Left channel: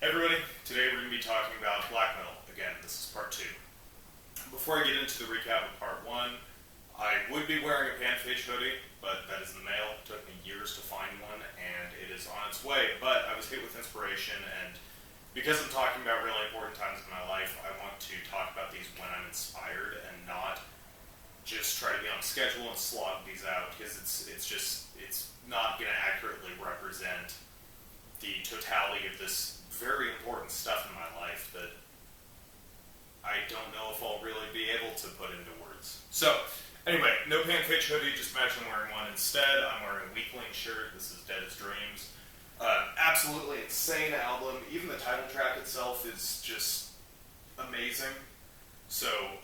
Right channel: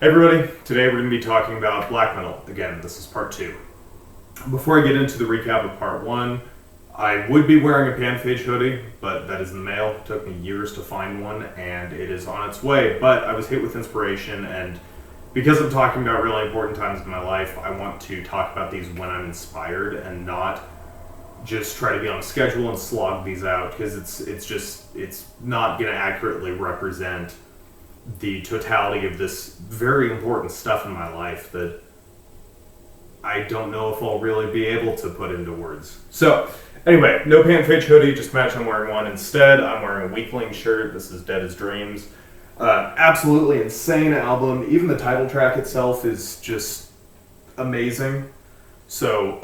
Hey everybody, today we're going to be talking about black metal. Again, this is part 2. Before I get into the recap of part 1, I would be wearing a Panphage hoodie, but that is in the mail. It took me years to find one, and it is on its way. But I was hit with inspiration, and because I'm talking about really important times in my life, I want to talk about these when I'm inspired and not just try to be on a schedule and slog these out, because it's not going to accurately represent the totality of this very important stuff in my life that I don't know if I'll really be able to put into words. So, anyway, no Panphage hoodie, just imagine I'm wearing one. Instead, I'm wearing a Weakling shirt. This is Dead as Dreams. Absolutely insane album. Even the title track itself is just amazing. So,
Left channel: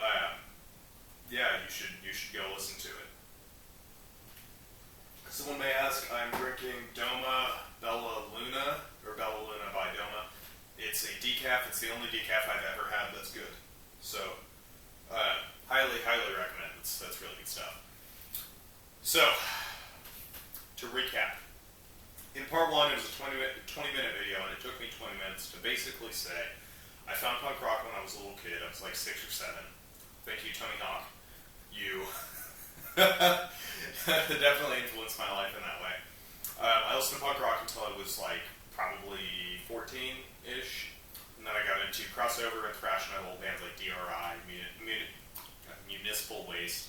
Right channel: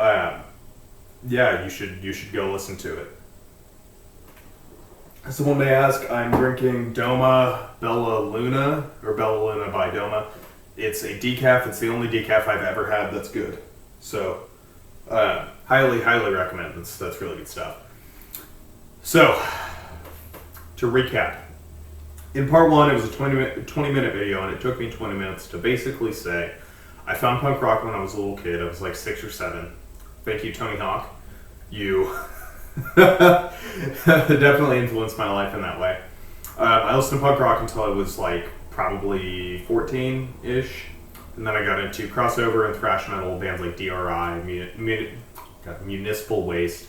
yeah, you should go listen to it. Someone may ask, I'm drinking Doma Bella Luna, or Bella Luna by Doma. It's a decaf. It's the only decaf I've ever had that's good. So, highly recommend. That's really good stuff. So, to recap. In part 1, it was a 20-minute video, and it took me 20 minutes to basically say, I found punk rock when I was a little kid. I was like 6 or 7. Thank you, Tony Hawk. You definitely influenced my life in that way. I listened to punk rock until I was like probably 14-ish, and then I got into crossover and thrash metal bands like DRI, Municipal Waste,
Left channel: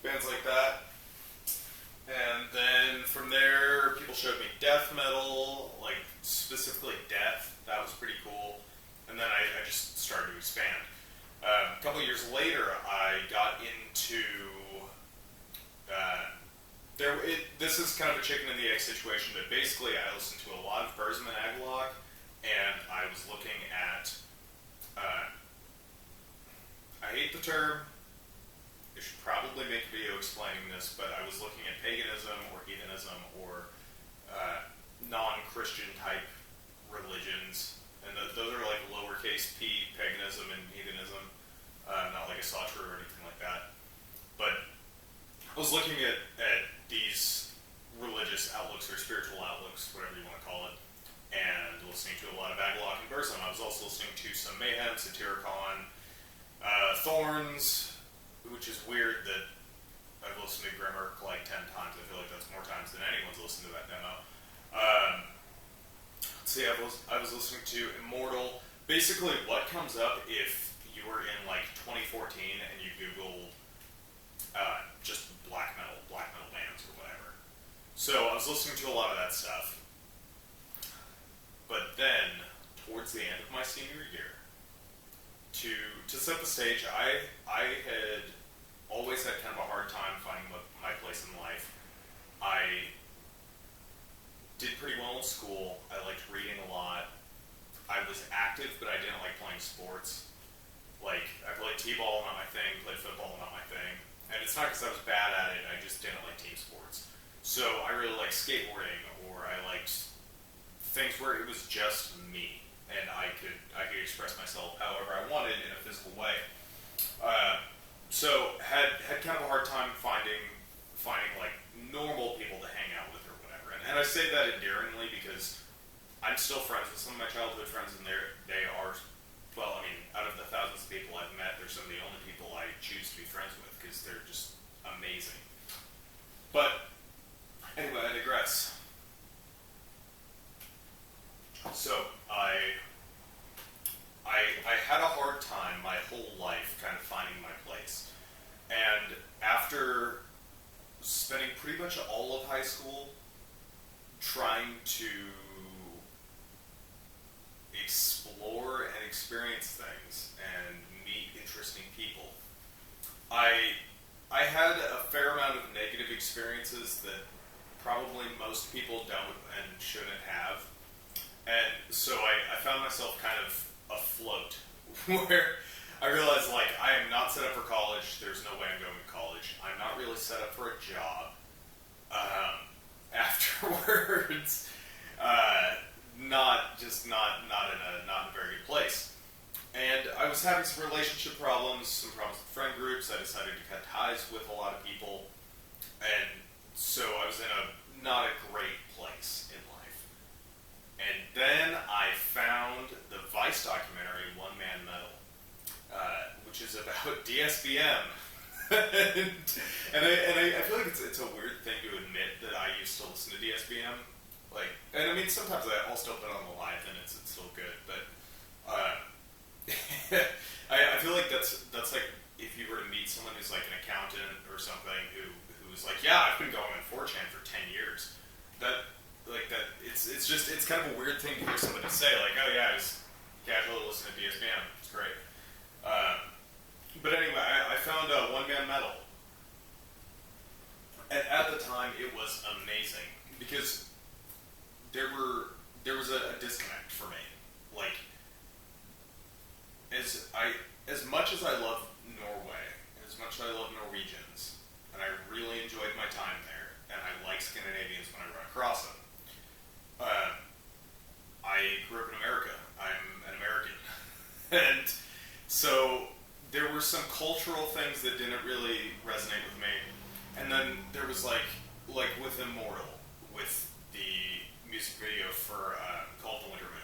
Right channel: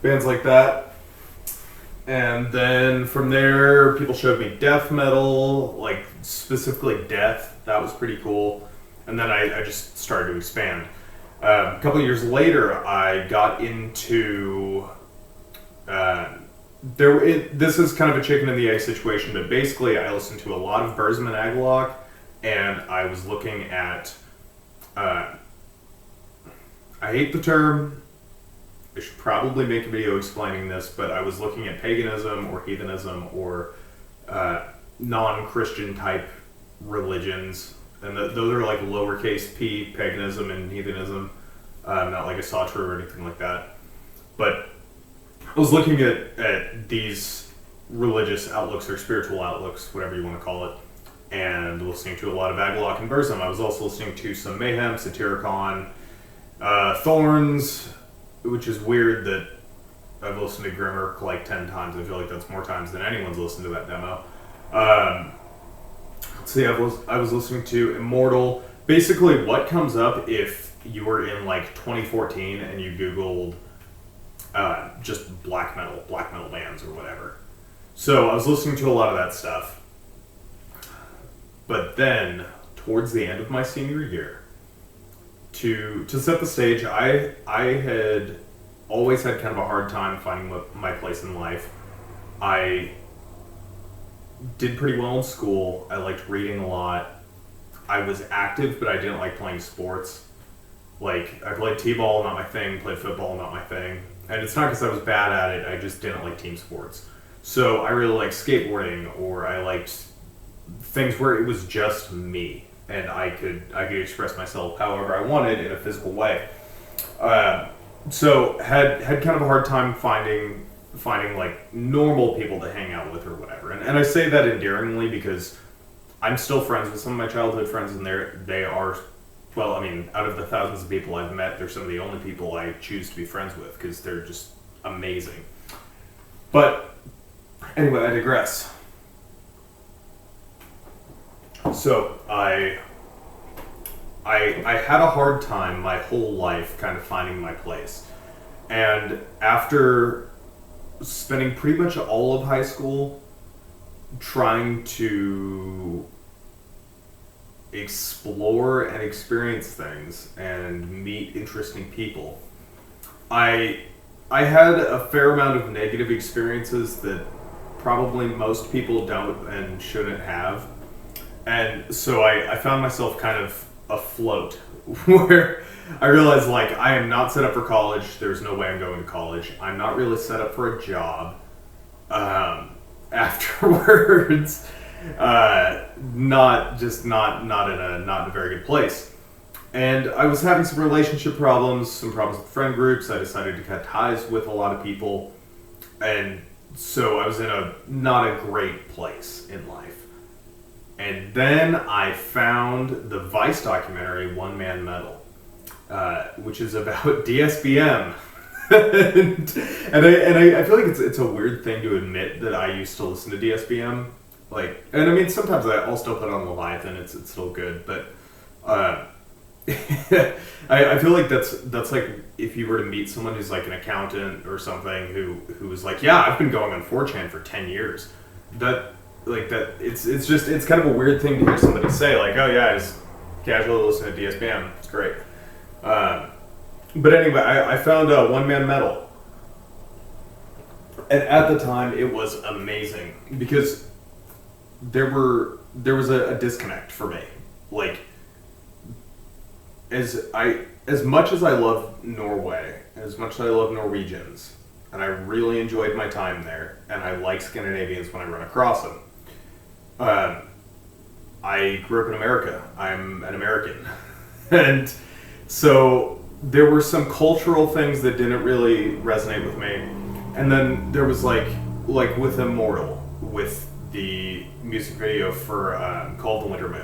bands like that. And then from there, people showed me death metal, like specifically death. That was pretty cool. And then I just started to expand. A couple of years later, I got into this is kind of a chicken and the egg situation, but basically I listened to a lot of Burzum and Agalloch, and I was looking at I hate the term, I should probably make a video explaining this, but I was looking at paganism or heathenism or non-Christian type religions, and those are like lowercase p, paganism and heathenism, not like a Xasthur or anything like that. But I was looking at these religious outlooks or spiritual outlooks, whatever you want to call it, and listening to a lot of Agalloch and Burzum. I was also listening to some Mayhem, Satyricon, Thorns, which is weird that I've listened to Grimmerk like 10 times. I feel like that's more times than anyone's listened to that demo. Let's see, I was listening to Immortal. Basically, what comes up if you were in like 2014 and you Googled just black metal bands or whatever. So I was listening to a lot of that stuff. But then, towards the end of my senior year, to set the stage, I had always had kind of a hard time finding my place in life. I did pretty well in school. I liked reading a lot. I was active, but I didn't like playing sports. Like, I played t-ball, not my thing. Played football, not my thing. And it's not because I was bad at it, I just didn't like team sports. So I really liked skateboarding, or I liked things where it was just me, and I could express myself however I wanted in a physical way. So had kind of a hard time finding like normal people to hang out with or whatever. And I say that endearingly because I'm still friends with some of my childhood friends, and they are, well, I mean, out of the thousands of people I've met, they're some of the only people I choose to be friends with because they're just amazing. But anyway, I digress. So I had a hard time my whole life kind of finding my place. And after spending pretty much all of high school trying to explore and experience things and meet interesting people, I had a fair amount of negative experiences that probably most people don't and shouldn't have. And so I found myself kind of afloat where I realized, like, I am not set up for college. There's no way I'm going to college. I'm not really set up for a job afterwards. Not in a very good place. And I was having some relationship problems, some problems with friend groups. I decided to cut ties with a lot of people. And so I was in not a great place in life. And then I found the Vice documentary, One Man Metal, which is about DSBM. and I feel like it's a weird thing to admit that I used to listen to DSBM. Like, and I mean, sometimes I'll still put on Leviathan, it's still good, but I feel like that's like if you were to meet someone who's like an accountant or something who was like, yeah, I've been going on 4chan for 10 years. It's kind of a weird thing to hear somebody say, like, oh yeah, I just casually listen to DSBM. It's great. But anyway, I found One Man Metal. And at the time, it was amazing because there was a disconnect for me. Like, as much as I love Norway, as much as I love Norwegians, and I really enjoyed my time there, and I like Scandinavians when I run across them. I grew up in America. I'm an American. And so there were some cultural things that didn't really resonate with me. And then there was like with Immortal, with the music video for Called the Winter Moon.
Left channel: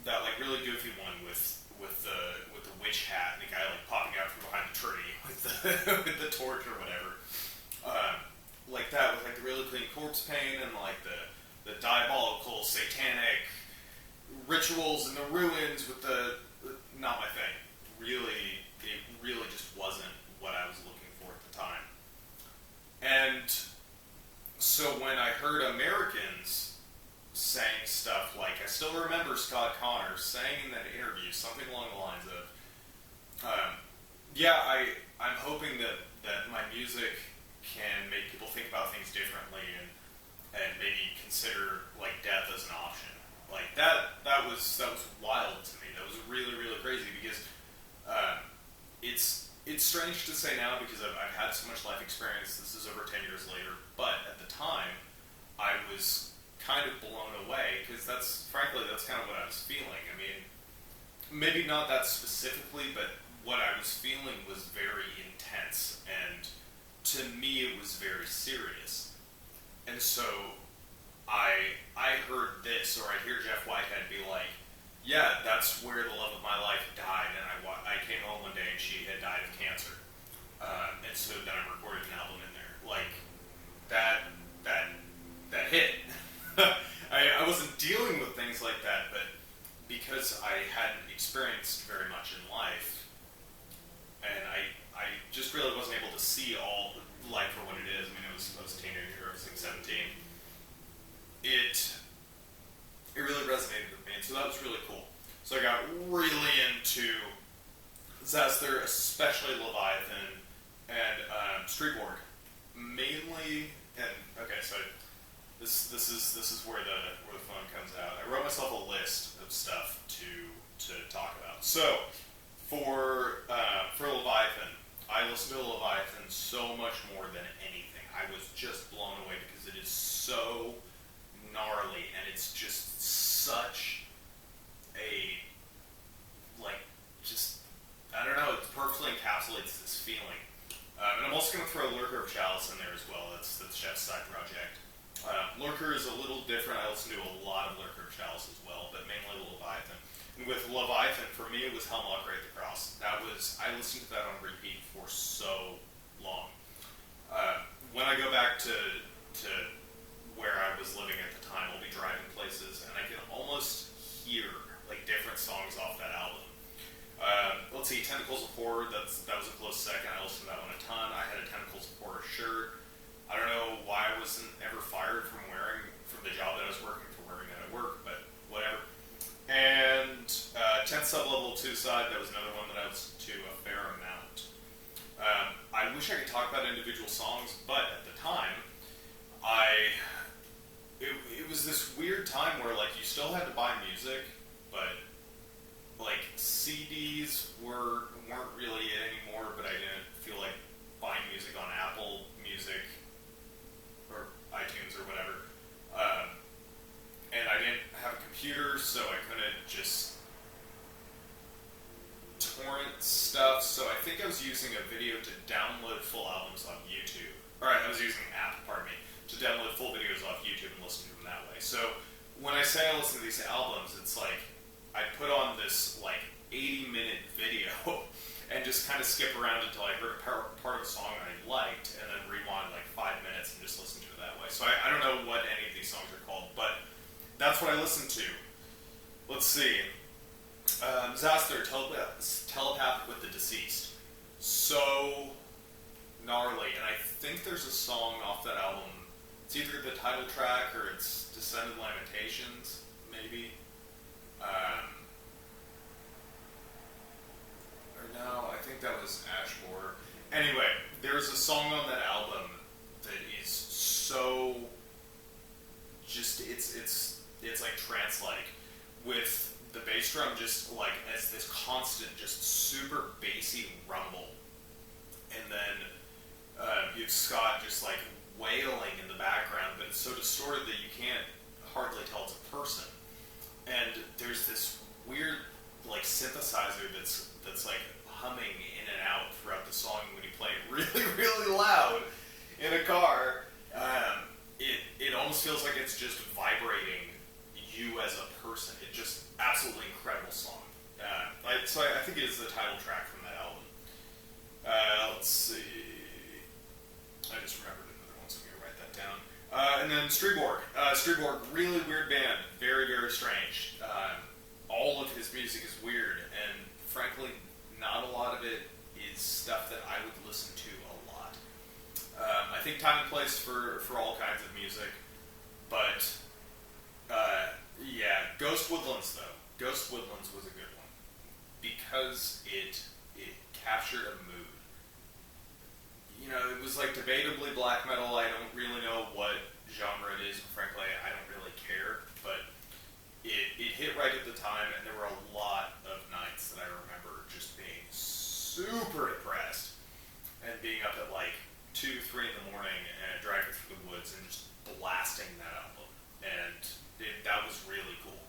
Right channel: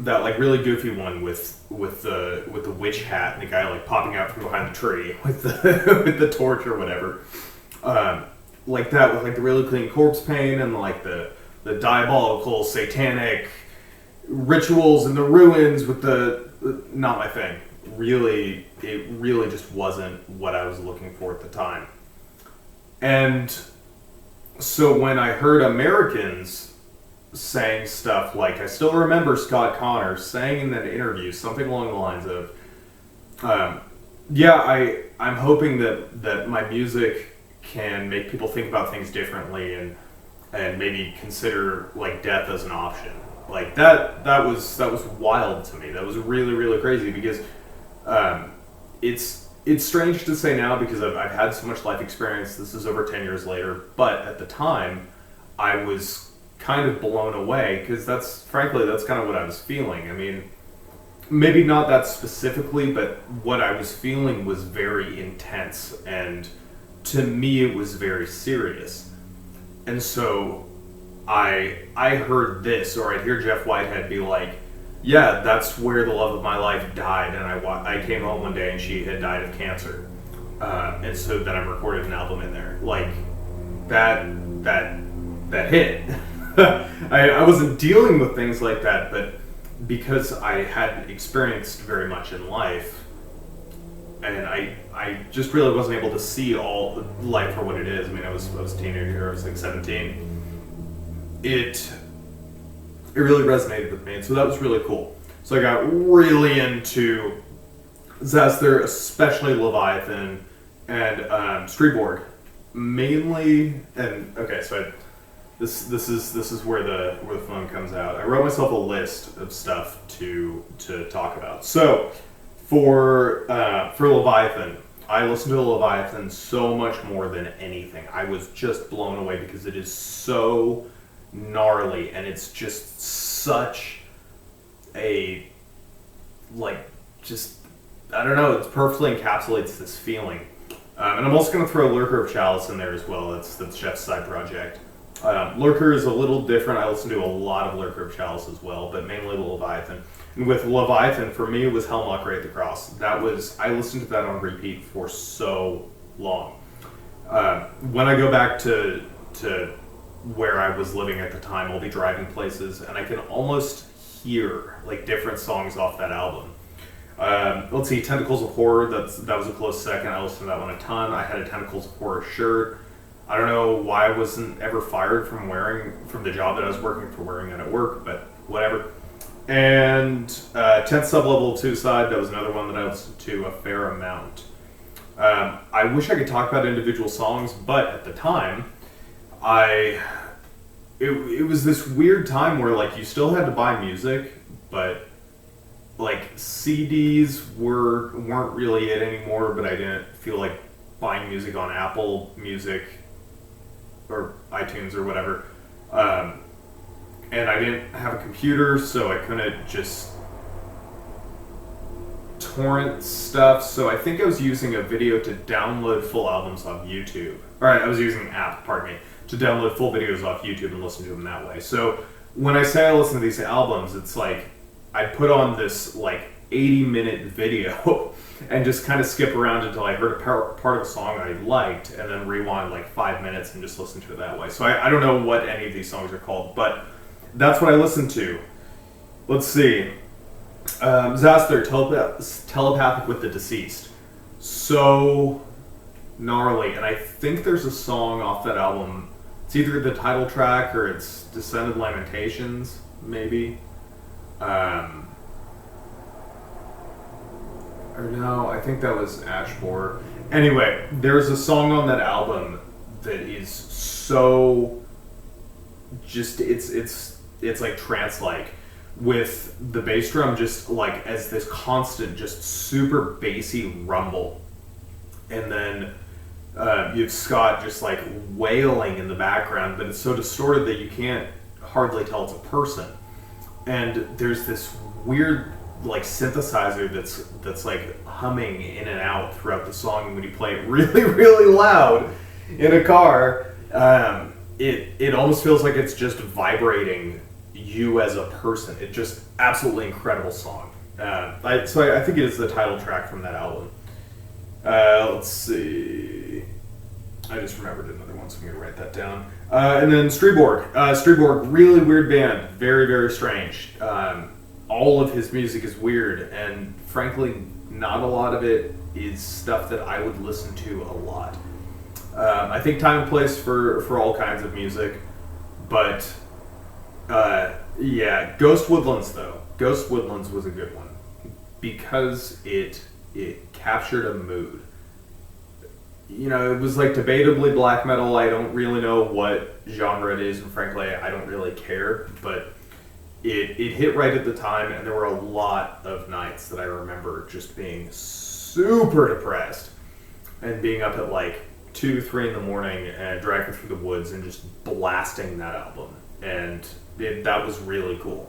That like really goofy one with the witch hat and the guy like popping out from behind the tree with the with the torch or whatever. Like that with like the really clean corpse paint and like the diabolical satanic rituals in the ruins with the not my thing. It really just wasn't what I was looking for at the time. And so when I heard Americans saying stuff like, I still remember Scott Connor saying in that interview something along the lines of, I'm hoping that my music can make people think about things differently and maybe consider like death as an option. Like that was wild to me. That was really, really crazy because it's strange to say now because I've had so much life experience. This is over 10 years later, but at the time I was kind of blown away because that's kind of what I was feeling. I mean, maybe not that specifically, but what I was feeling was very intense, and to me it was very serious. And so I heard this, or I'd hear Jeff Whitehead be like, yeah, that's where the love of my life died, and I came home one day and she had died of cancer, and so then I recorded an album in there. Like that hit. I wasn't dealing with things like that, but because I hadn't experienced very much in life, and I just really wasn't able to see all life for what it is. I mean, I was a teenager. I was like 17. It really resonated with me, and so that was really cool. So I got really into Xasthur, especially Leviathan, and Striborg, mainly. And okay, so this is where the phone comes out. I wrote myself a list of stuff to talk about. So for Leviathan, I listened to Leviathan so much more than anything. I was just blown away because it is so gnarly, and it's just such a, like, just, I don't know, it perfectly encapsulates this feeling. And I'm also going to throw Lurker of Chalice in there as well. That's Jeff's side project. Lurker is a little different. I listen to a lot of Lurker of Chalice as well, but mainly Leviathan. And with Leviathan, for me, it was Hell Mockery at the Cross. I listened to that on repeat for so long. When I go back to where I was living at the time, I'll be driving places, and I can almost hear like different songs off that album. Let's see, Tentacles of Horror, that was a close second. I listened to that one a ton. I had a Tentacles of Horror shirt. I don't know why I wasn't ever fired from the job that I was working for wearing that at work, but whatever. And 10th Sublevel of Suicide, that was another one that I listened to a fair amount. I wish I could talk about individual songs, but at the time, it was this weird time where like you still had to buy music, but like CDs weren't really it anymore. But I didn't feel like buying music on Apple Music or iTunes or whatever, and I didn't have a computer, so I couldn't just torrent stuff. So I think I was using a video to download full albums off YouTube. Alright, I was using an app, pardon me, to download full videos off YouTube and listen to them that way. So when I say I listen to these albums, it's like I put on this like 80-minute video and just kind of skip around until I heard a part of a song I liked, and then rewind like 5 minutes and just listen to it that way. So I don't know what any of these songs are called, but that's what I listen to. Let's see. Xasthur, Telepathic with the Deceased. So gnarly, and I think there's a song off that album. It's either the title track or it's Descended Lamentations, maybe. Or no, I think that was Ashmore. Anyway, there's a song on that album that is so just it's like trance-like, with the bass drum just like as this constant, just super bassy rumble, and then you have Scott just like wailing in the background, but it's so distorted that you can't hardly tell it's a person. And there's this weird like synthesizer that's like humming in and out throughout the song, and when you play it really, really loud in a car, it almost feels like it's just vibrating you as a person. It's just absolutely incredible song. I think it is the title track from that album. Let's see. I just remembered another one, so I'm gonna write that down. And then Striborg. Striborg, really weird band, very, very strange. All of his music is weird, and frankly, not a lot of it is stuff that I would listen to a lot. I think time and place for all kinds of music, but yeah, Ghostwoodlands though. Ghostwoodlands was a good one because it captured a mood. You know, it was like debatably black metal. I don't really know what genre it is, and frankly, I don't really care, but it hit right at the time, and there were a lot of nights that I remember just being super depressed and being up at like 2, 3 in the morning and driving through the woods and just blasting that album, and that was really cool.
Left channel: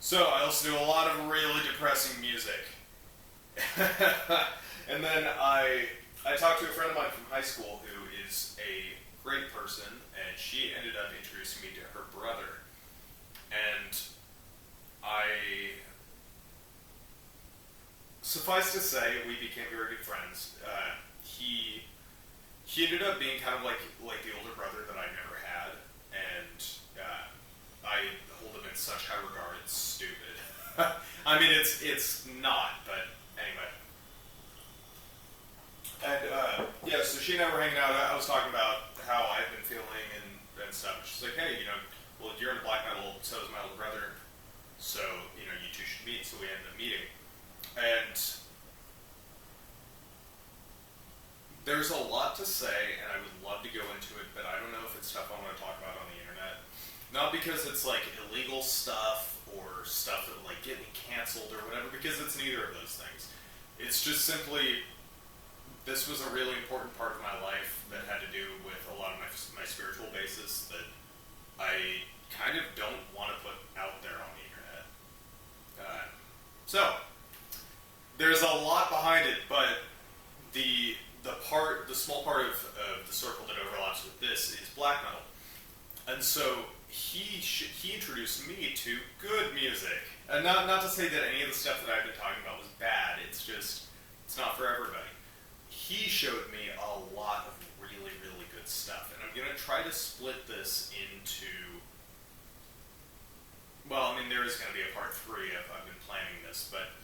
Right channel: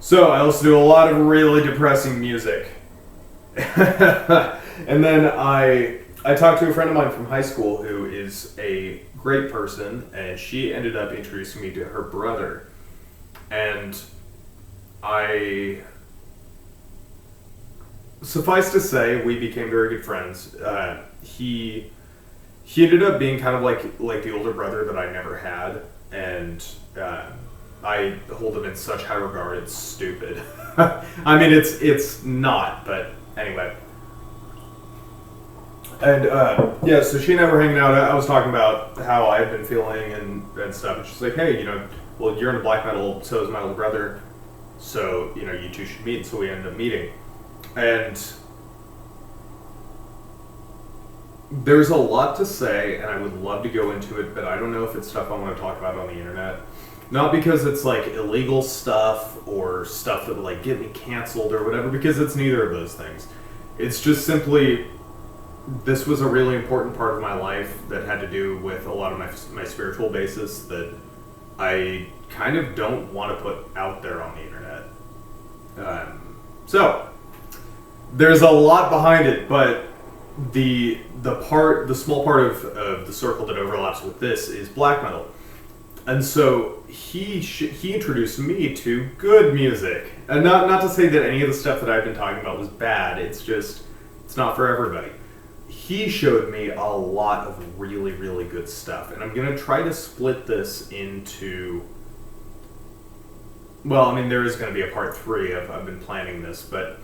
So I listened to a lot of really depressing music. And then I talked to a friend of mine from high school who is a great person, and she ended up introducing me to her brother. And suffice to say, we became very good friends. He ended up being kind of like the older brother that I never had, and I hold him in such high regard. It's stupid. I mean, it's not, but anyway. And yeah, so she and I were hanging out. I was talking about how I had been feeling and stuff, and she's like, hey, well, you're into black metal, so is my older brother, so, you two should meet. So we ended up meeting. And there's a lot to say, and I would love to go into it, but I don't know if it's stuff I want to talk about on the internet. Not because it's like illegal stuff or stuff that would like get me canceled or whatever, because it's neither of those things. It's just simply, this was a really important part of my life that had to do with a lot of my spiritual basis that I kind of don't want to put out there on the internet. So there's a lot behind it, but the small part of the circle that overlaps with this is black metal. And so he introduced me to good music. And not to say that any of the stuff that I've been talking about was bad, it's just, it's not for everybody. He showed me a lot of really, really good stuff. And I'm going to try to split this into, well, I mean, there is going to be a part 3. I've been planning this. But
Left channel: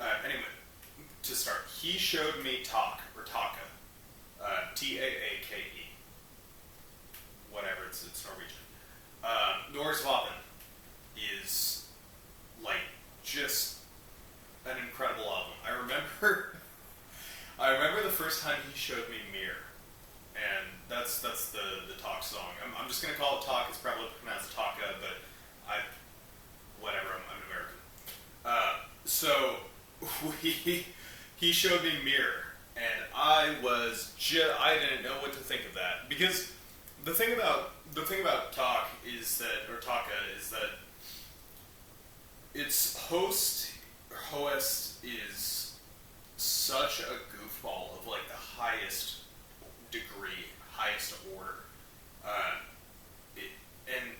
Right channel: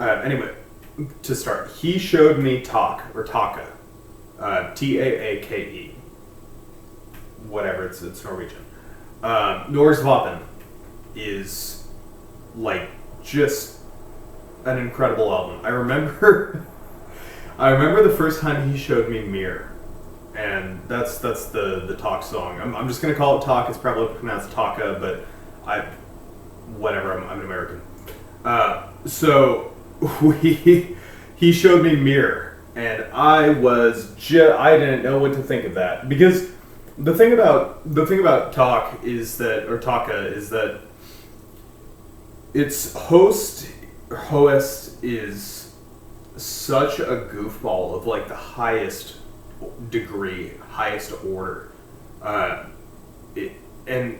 anyway, to start, he showed me Taake, or Taake. Taake. Whatever, it's Norwegian. Nor's vaapen is like just an incredible album. I remember the first time he showed me Mir, and that's the Taake song. I'm just gonna call it Taake. It's probably pronounced Taake, but I'm an American. So he showed me Mir, and I didn't know what to think of that, because the thing about Taake is that its host is such a goofball of like the highest degree, highest order, and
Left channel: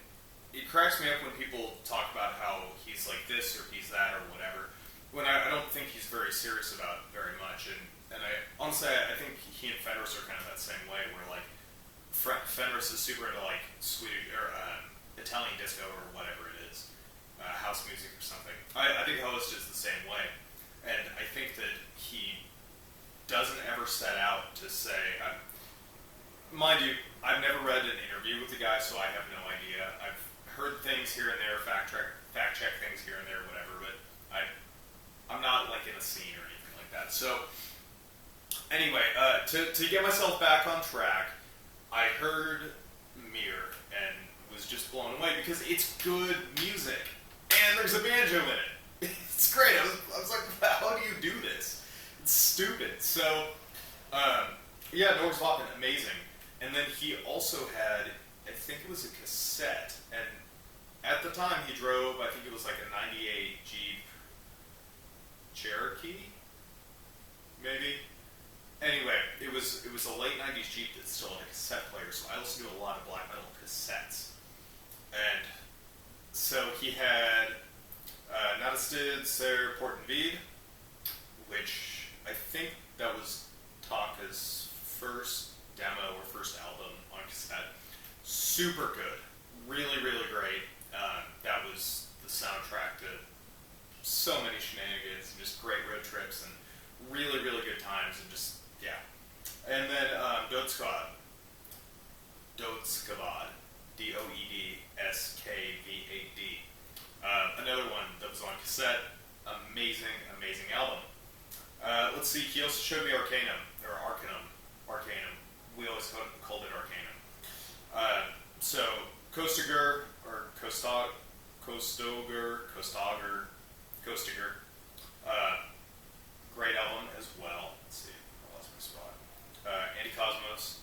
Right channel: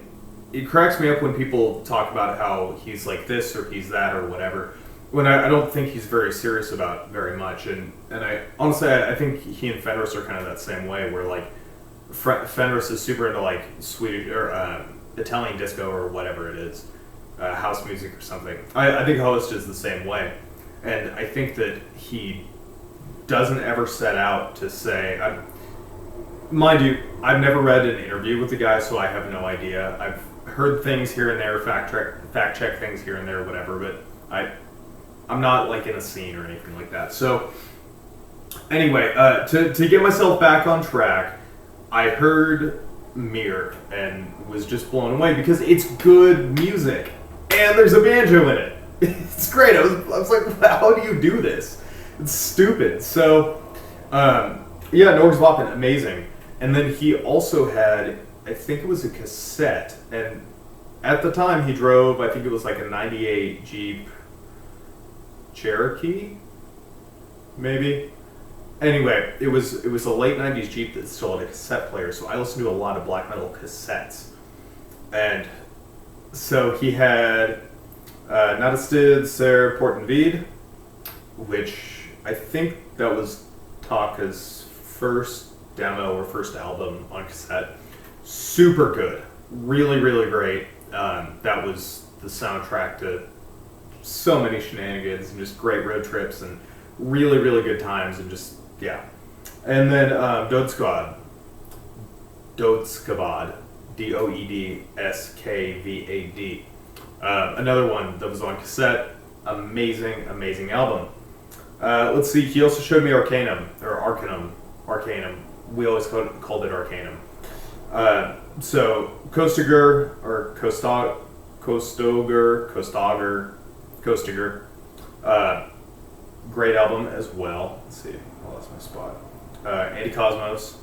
it cracks me up when people talk about how he's like this or he's that or whatever. When I don't think he's very serious about very much, and I honestly I think he and Fenris are kind of that same way, where like Fenris is super into like Swedish or Italian disco or whatever it is, house music or something. I think Host is the same way, and I think that he doesn't ever set out to say. Mind you, I've never read an interview with the guy, so I have no idea. I've heard things here and there, fact check things here and there, whatever, but I'm not like in a scene or anything like that. So anyway, to get myself back on track, I heard Mir and was just blown away because it's good music and there's a banjo in it. It's great. I was like, how do you do this? It's stupid. So yeah, Noregs vaapen, amazing. And then he also had, I think it was a cassette, and at the time he drove, I think it was like a 98 Jeep Cherokee, maybe. Anyway, it was a late 90s Jeep that still had a cassette player, so I listened to a lot of black metal cassettes. And so he had Nattestid, porten, which I think that was Taake's first demo or first album on cassette. Super good. Really, really great. That was the soundtrack to so many shenanigans and just great road trips and really, really good times and just, yeah. And then Doedskvad. Doedskvad. Doedskvad. Another one that was on cassette. Amazing, amazing album. Let's see, he also showed me Arckanum. We always called it Arckanum. So, Kostogher, or Kostogher. Great album as well. Let's see, I lost my spot. Antikosmos.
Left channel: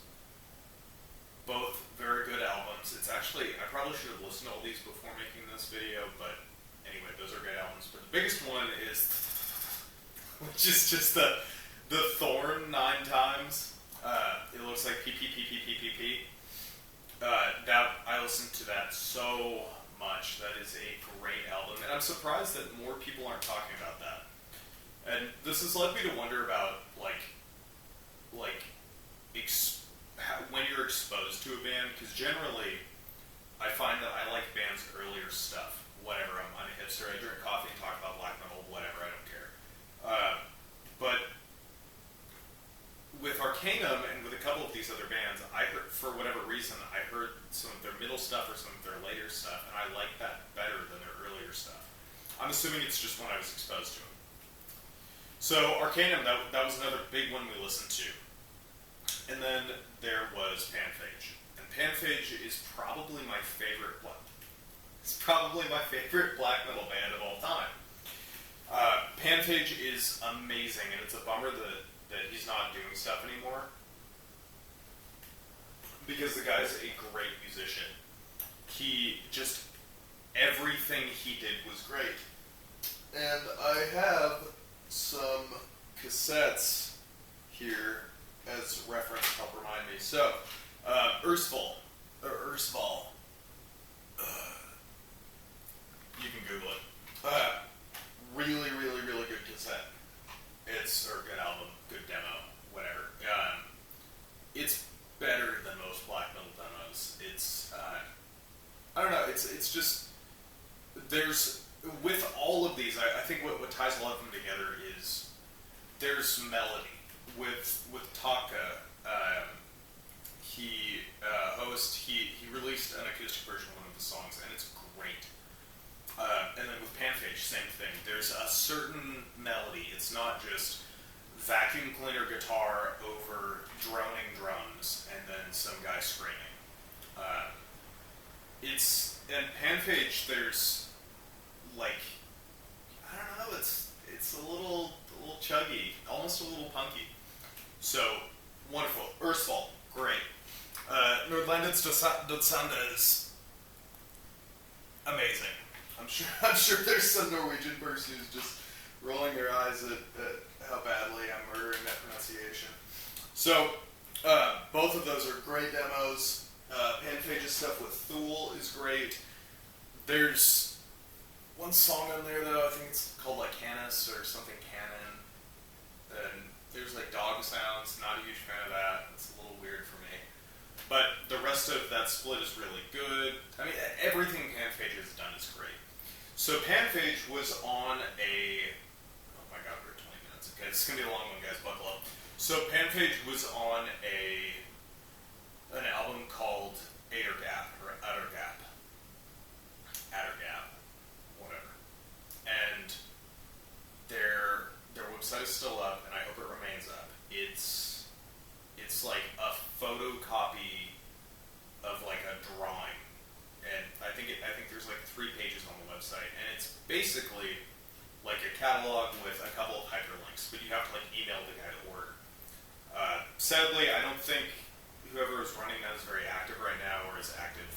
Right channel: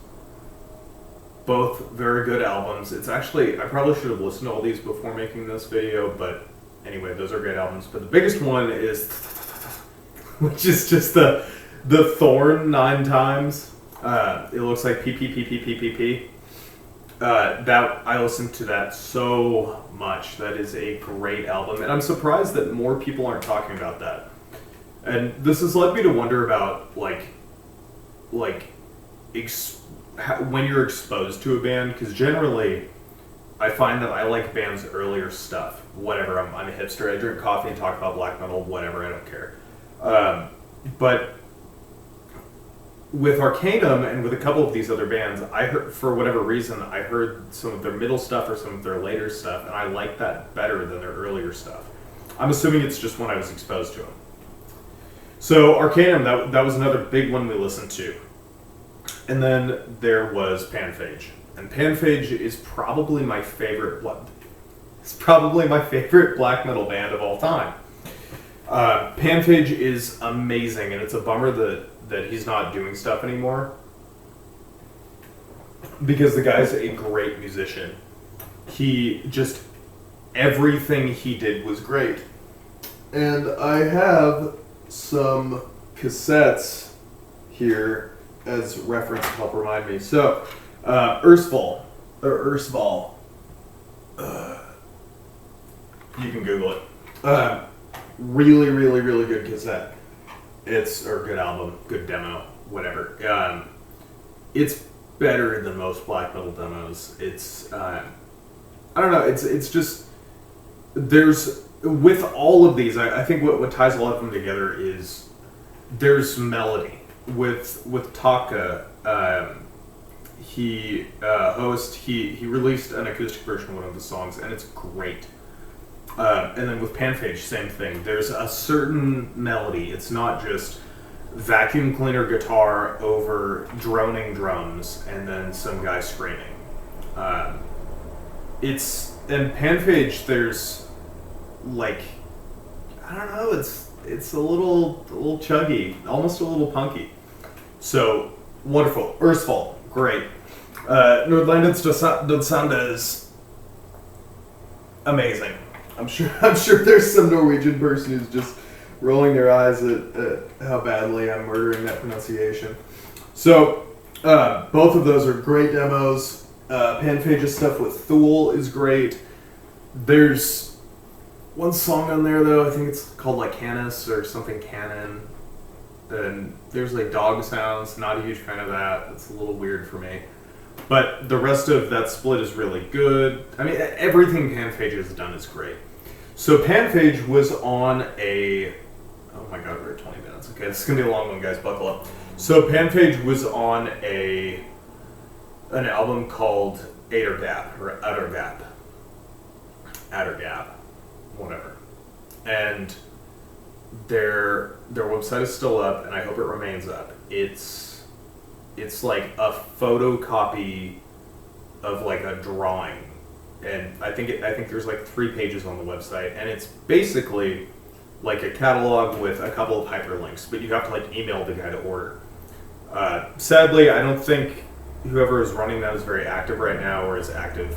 Both very good albums. It's actually, I probably should have listened to all these before making this video, but anyway, those are great albums. But the biggest one is, which is just the Thorn 9 times. It looks like PPPPPPP. That I listened to that so much. That is a great album, and I'm surprised that more people aren't talking about that. And this has led me to wonder about when you're exposed to a band, because generally I find that I like bands' earlier stuff. Whatever, I'm a hipster. I drink coffee and talk about black metal. Whatever, I don't care. But with Arckanum and with a couple of these other bands, I heard, for whatever reason, I heard some of their middle stuff or some of their later stuff, and I like that better than their earlier stuff. I'm assuming it's just when I was exposed to them. So Arckanum, that was another big one we listened to. And then there was Panphage. And Panphage is probably my favorite black metal band of all time. Panphage is amazing, and it's a bummer that he's not doing stuff anymore, because the guy's a great musician. Everything he did was great. And I have some cassettes here as reference to help remind me. So, Ursvol. You can Google it. Really, really, really good cassette. Or good album, good demo, whatever. It's better than most black metal demos. It's, I don't know, it's just, with all of these, I think what ties a lot of them together is there's melody. With Taake, he released an acoustic version of one of the songs, and it's great. And then with Panphage, same thing. There's a certain melody. It's not just vacuum cleaner guitar over droning drums and then some guy screaming. In Panphage, there's like, I don't know, it's a little chuggy, almost a little punky. So wonderful. Ursvol, great. Nordlandets Dodsande is amazing. I'm sure there's some Norwegian person who's just rolling their eyes at how badly I'm murdering that pronunciation. So both of those are great demos. Panphage's stuff with Thul is great. There's one song on there though, I think it's called like Canis or something Canon. Then there's like dog sounds, not a huge fan of that. It's a little weird for me. But the rest of that split is really good. I mean, everything Panphage has done is great. So Panphage was on a... Oh my god, we're at 20 minutes. Okay, this is going to be a long one, guys. Buckle up. So Panphage was on an album called Ætergap, or Ætergap, whatever. And their website is still up, and I hope it remains up. It's like a photocopy of like a drawing, and I think there's like 3 pages on the website, and it's basically like a catalog with a couple of hyperlinks, but you have to like email the guy to order. Sadly, I don't think whoever is running that is very active right now, or is active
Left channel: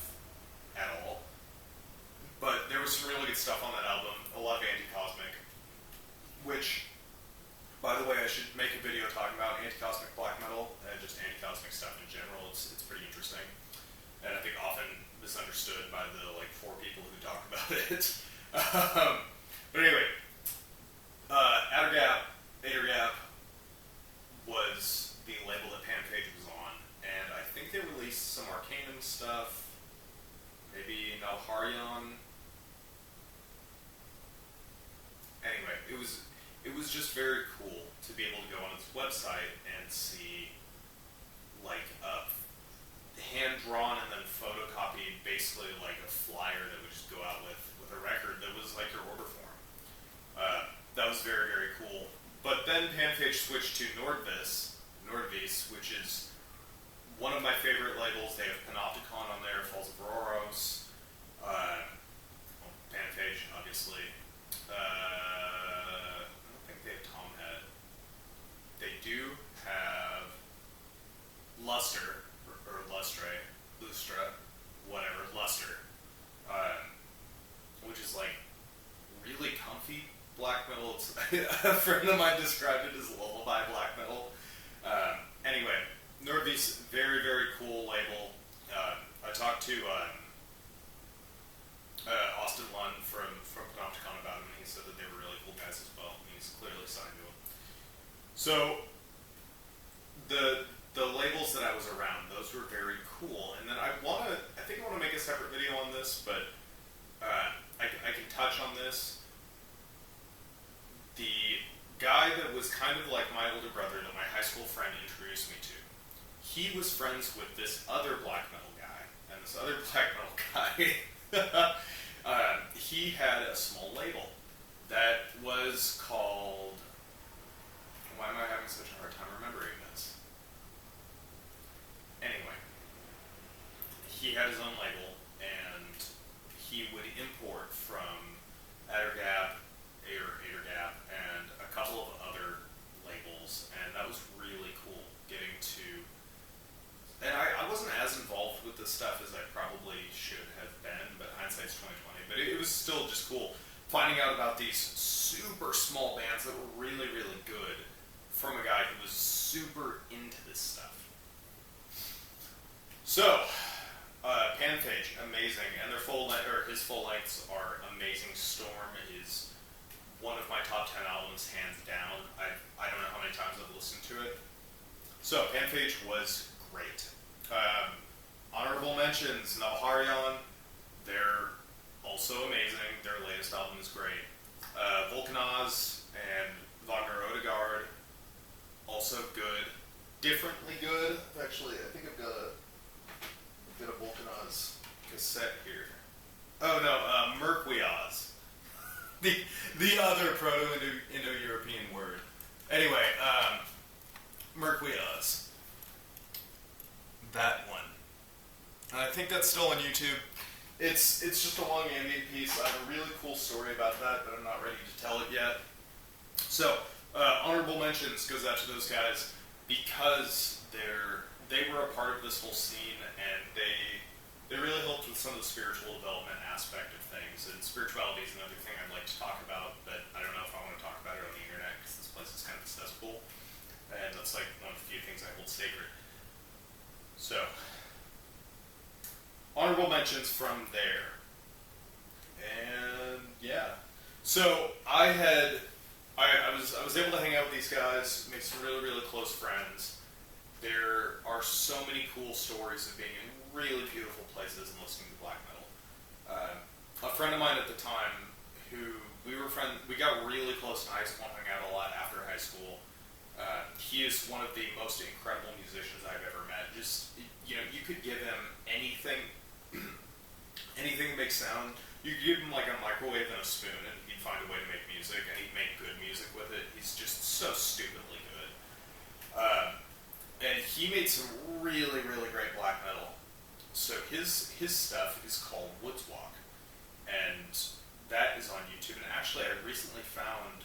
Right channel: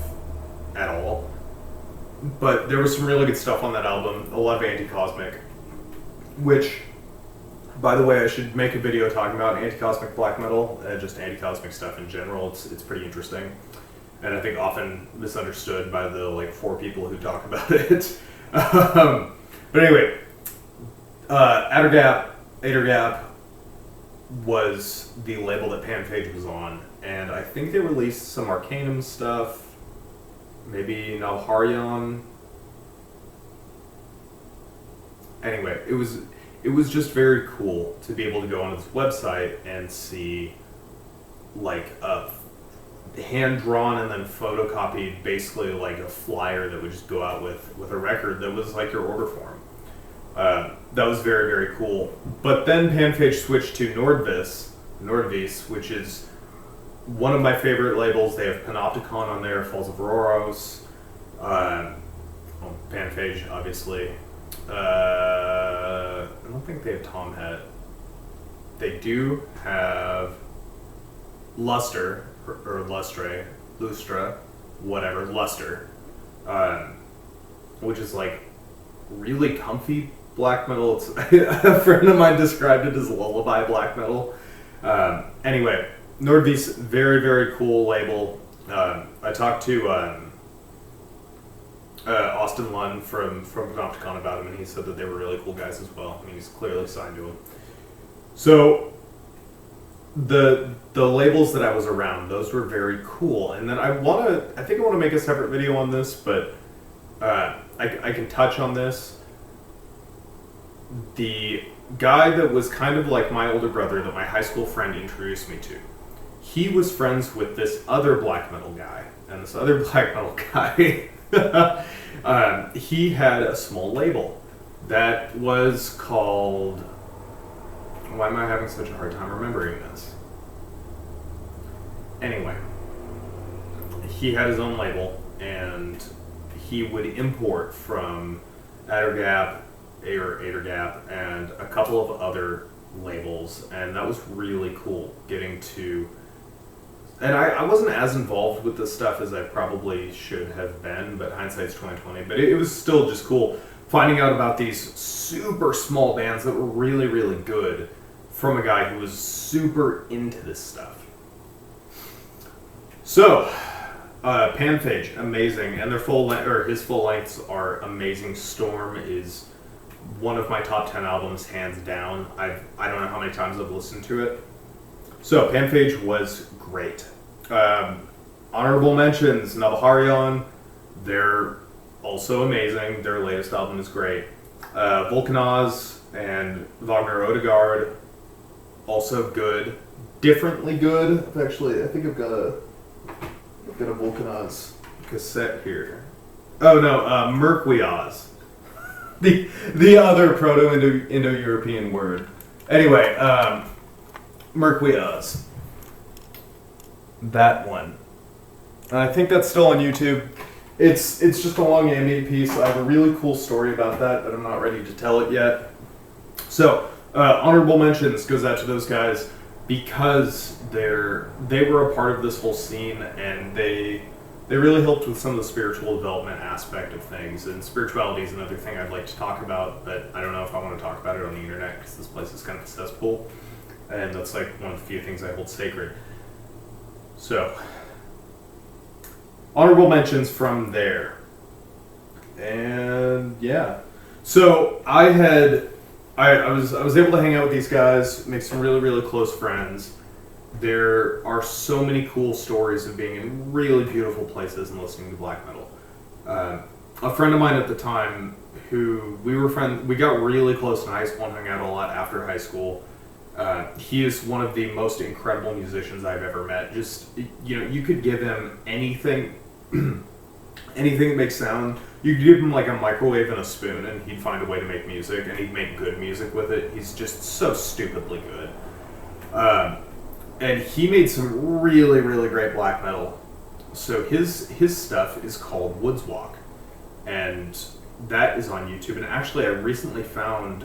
at all. But there was some really good stuff on that album, a lot of anti-cosmic, which, by the way, I should make a video talking about anti-cosmic black metal, just anti-cosmic stuff in general. It's pretty interesting, and I think often misunderstood by the like 4 people who talk about it. But anyway, Ætergap was the label that Panphage was on, and I think they released some Arckanum stuff, maybe Nawaharjan. Anyway, it was just very cool to be able to go onto this website and see like a hand-drawn and then photocopied, basically like a flyer that would just go out with a record that was like your order form. That was very, very cool. But then Panphage switched to Nordvis, which is one of my favorite labels. They have Panopticon on there, Falls of Auroros, Panphage, obviously. I don't think they have Tomhead. They do have Lustre, or Lustra, whatever, Luster, which is like really comfy black metal. It's, a friend of mine described it as lullaby black metal. Anyway, Nordvis, very, very cool label. I talked to Austin Lund from Panopticon about him, and he said that they were really cool guys as well. I mean, he's clearly signed to them. So the labels that I was around, those were very cool. And then I think I want to make a separate video on this, but I can touch on this. The guy that was kind of like my older brother that my high school friend introduced me to, he was friends with this other black metal guy, and this other black metal guy, he had a small label that was called, why am I having such a hard time remembering this? Anyway, he had his own label, and he would import from Ætergap, and a couple of other labels, and that was really cool getting to... And I wasn't as involved with this stuff as I probably should have been, but hindsight's 2020. But it was still just cool finding out about these super small bands that were really, really good from a guy who was super into this stuff. So, Panphage, amazing, and their his full lengths are amazing. Storm is one of my top 10 albums, hands down. I don't know how many times I've listened to it. So Panphage was great. Honorable mentions, Nawaharjan, they're also amazing. Their latest album is great. Wulkanaz and Wagner-Odegaard, also good. Differently good. Actually, I think I've got a Wulkanaz cassette here. Oh no, Mirkwijaz. The other Proto-Indo-European word. Anyway, Mirkwijaz. That one. I think that's still on YouTube. It's just a long ambient piece. I have a really cool story about that, but I'm not ready to tell it yet. So, honorable mentions goes out to those guys because they were a part of this whole scene, and they really helped with some of the spiritual development aspect of things. And spirituality is another thing I'd like to talk about, but I don't know if I want to talk about it on the internet because this place is kind of a cesspool, and that's like one of the few things I hold sacred. So, honorable mentions from there. And yeah. So I was able to hang out with these guys, make some really, really close friends. There are so many cool stories of being in really beautiful places and listening to black metal. A friend of mine at the time, who we got really close in high school and hung out a lot after high school. He is one of the most incredible musicians I've ever met. Just, you could give him anything, anything that makes sound. You could give him like a microwave and a spoon and he'd find a way to make music, and he'd make good music with it. He's just so stupidly good. And he made some really, really great black metal. So his stuff is called Woods Walk, and that is on YouTube. And actually I recently found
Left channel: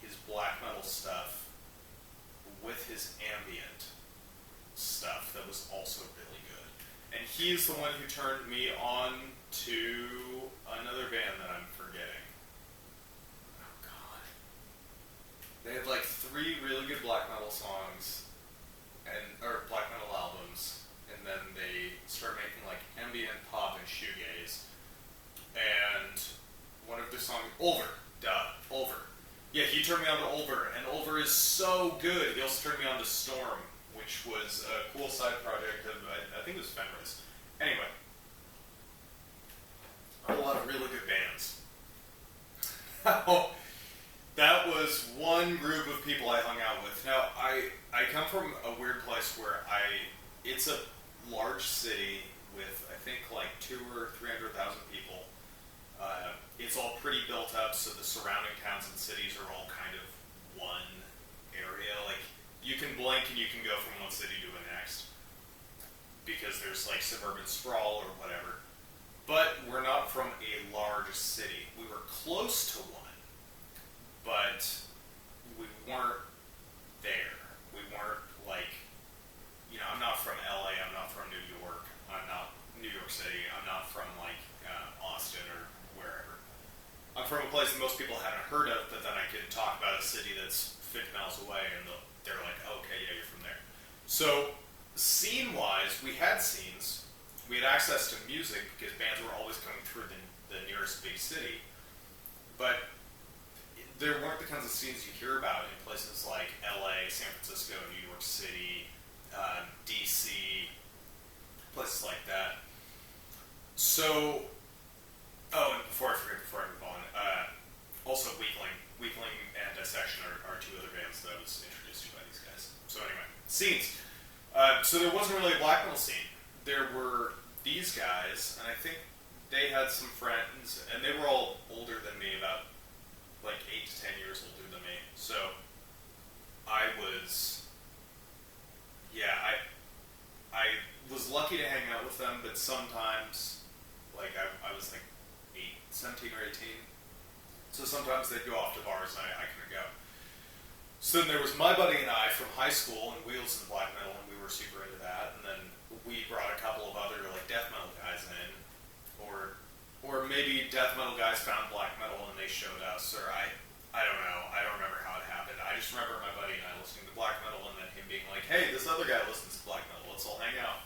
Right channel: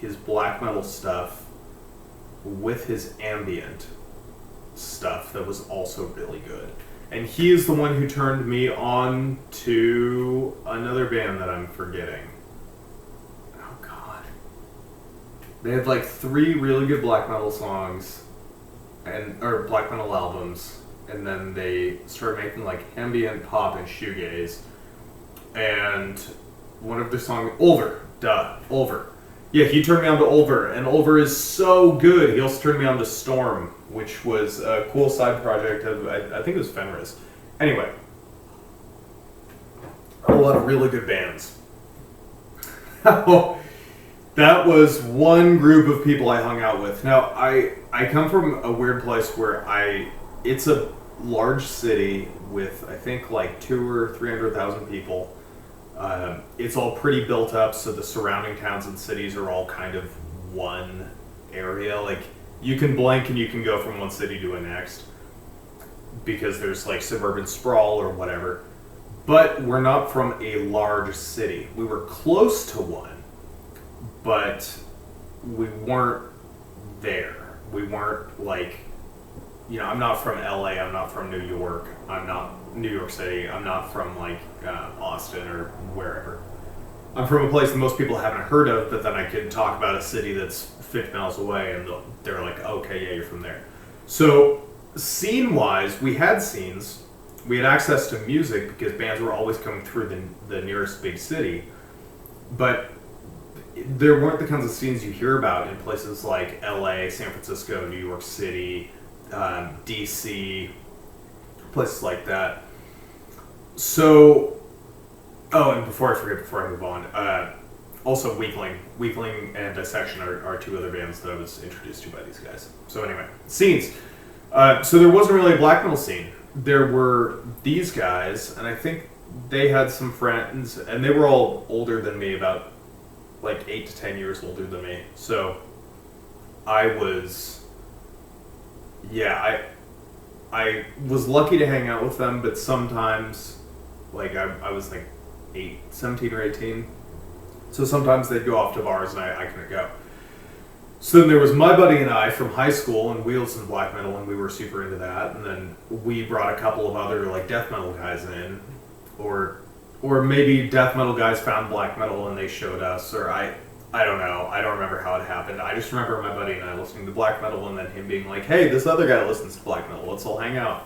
his black metal stuff with his ambient stuff that was also really good. And he is the one who turned me on to another band that I'm forgetting. Oh god. They had like 3 really good black metal songs or black metal albums, and then they started making like ambient pop and shoegaze. And one of their songs, Ulver. Yeah, he turned me on to Ulver, and Ulver is so good. He also turned me on to Storm, which was a cool side project of, I think it was Fenris. Anyway, a lot of really good bands. That was one group of people I hung out with. Now, I come from a weird place where it's a large city with, I think, like 200,000 or 300,000 people. It's all pretty built up, so the surrounding towns and cities are all kind of one area. Like, you can blink and you can go from one city to the next because there's like suburban sprawl or whatever. But we're not from a large city. We were close to one, but we weren't there. We weren't like, I'm not from LA, I'm not from New York, I'm not New York City, I'm not from like Austin or wherever. I'm from a place that most people haven't heard of, but then I can talk about a city that's 50 miles away and they're like, okay, yeah, you're from there. So scene-wise, we had scenes. We had access to music because bands were always coming through the nearest big city. But there weren't the kinds of scenes you hear about in places like LA, San Francisco, New York City, DC, places like that. So, and before I move on, also Weakling and Dissection are 2 other bands that I was introduced to by these guys. So anyway, scenes. So there wasn't really a black metal scene. There were these guys, and I think they had some friends, and they were all older than me, about like 8 to 10 years older than me. So I was lucky to hang out with them, but sometimes, like, I was like 17 or 18, so sometimes they'd go off to bars and I couldn't go. So then there was my buddy and I from high school, and we listened to black metal, and we were super into that. And then we brought a couple of other like death metal guys in, or maybe death metal guys found black metal and they showed us, or I don't know. I don't remember how it happened. I just remember my buddy and I listening to black metal, and then him being like, "Hey, this other guy listens to black metal. Let's all hang out."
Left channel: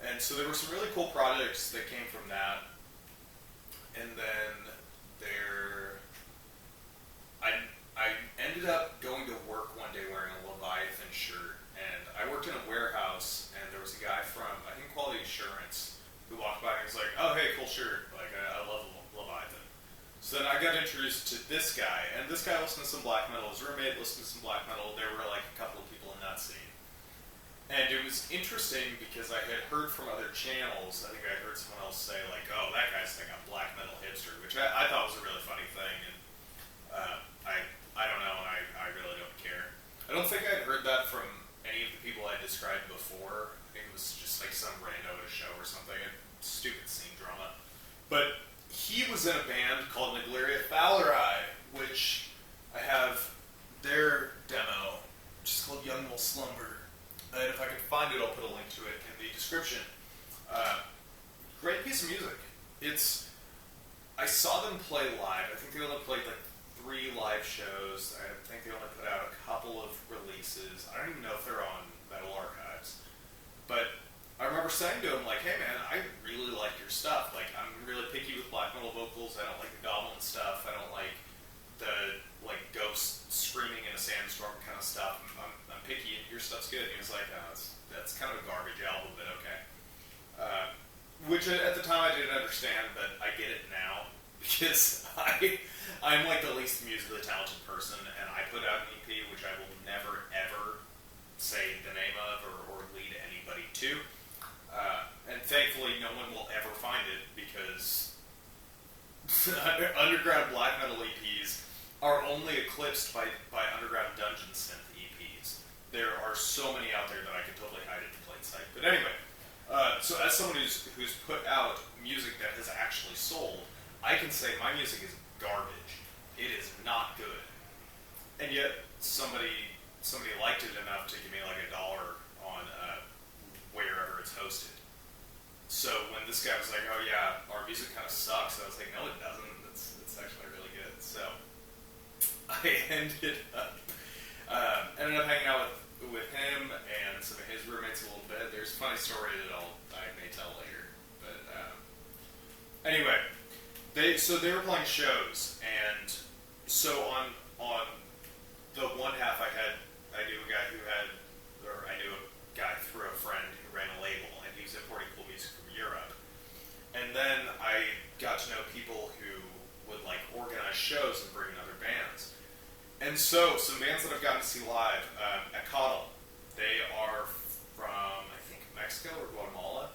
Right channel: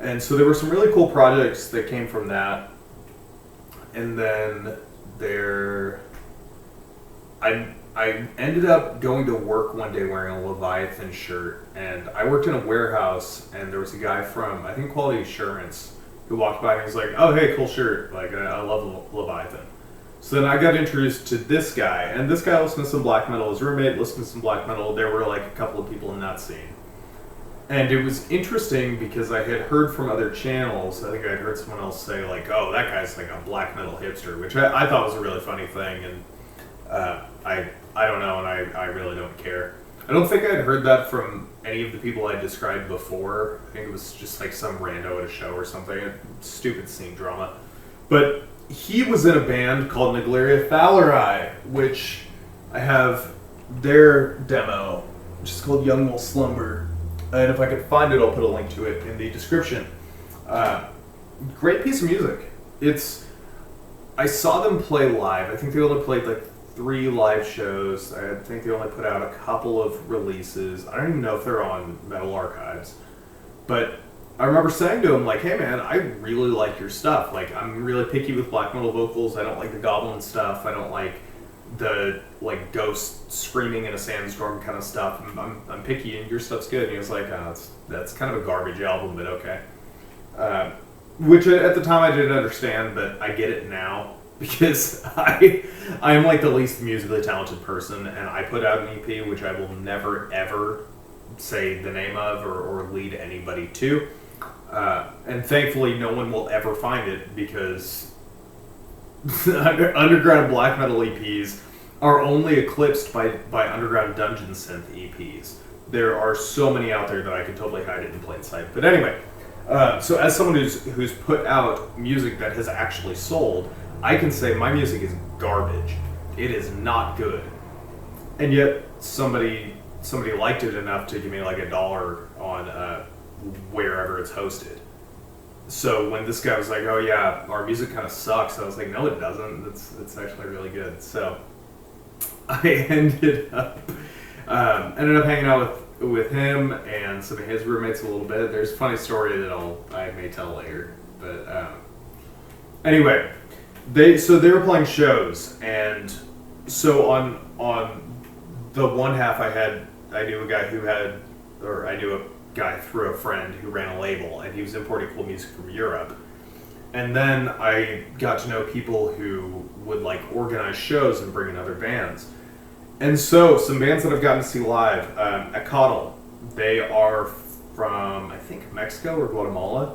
And so there were some really cool projects that came from that. And then I ended up going to work one day wearing a Leviathan shirt, and I worked in a warehouse, and there was a guy from, I think, Quality Assurance, who walked by and was like, "Oh, hey, cool shirt. Like, I love Leviathan." So then I got introduced to this guy, and this guy listened to some black metal. His roommate listened to some black metal. There were like a couple of people in that scene. And it was interesting because I had heard from other channels, I think I'd heard someone else say like, "Oh, that guy's like a black metal hipster," which I thought was a really funny thing, and I don't know, and I really don't care. I don't think I'd heard that from any of the people I described before. I think it was just like some rando at a show or something, stupid scene drama. But he was in a band called Naglaria Thalari, which I have their demo, which is called Young Will Slumber. And if I could find it, I'll put a link to it in the description. Great piece of music. I saw them play live. I think they only played like 3 live shows. I think they only put out a couple of releases. I don't even know if they're on Metal Archives. But I remember saying to him, like, hey man, I really like your stuff. Like, I'm really picky with black metal vocals. I don't like the goblin stuff. I don't like the, like, ghost screaming in a sandstorm kind of stuff. I'm picky, and your stuff's good. And he was like, oh, that's kind of a garbage album, but okay. Which at the time I didn't understand, but I get it now. Because I am, like, the least musically talented person, and I put out an EP, which I will never, ever say the name of or lead anybody to. And thankfully, no one will ever find it, because underground black metal EPs are only eclipsed by underground dungeon synth EPs. There are so many out there that I could totally hide it in plain sight. But anyway, so as someone who's put out music that has actually sold, I can say my music is garbage. It is not good. And yet somebody liked it enough to give me like $1 on wherever it's hosted. So when this guy was like, oh yeah, our music kind of sucks, I was like, no it doesn't. It's actually really good. So I ended up hanging out with him and some of his roommates a little bit. There's a funny story that I may tell later. But anyway, they were playing shows, and so on the one half I knew a guy through a friend who ran a label, and he was importing cool music from Europe. And then I got to know people who would like organize shows and bring in other bands. And so some bands that I've gotten to see live, Ætergap, they are from I think Mexico or Guatemala.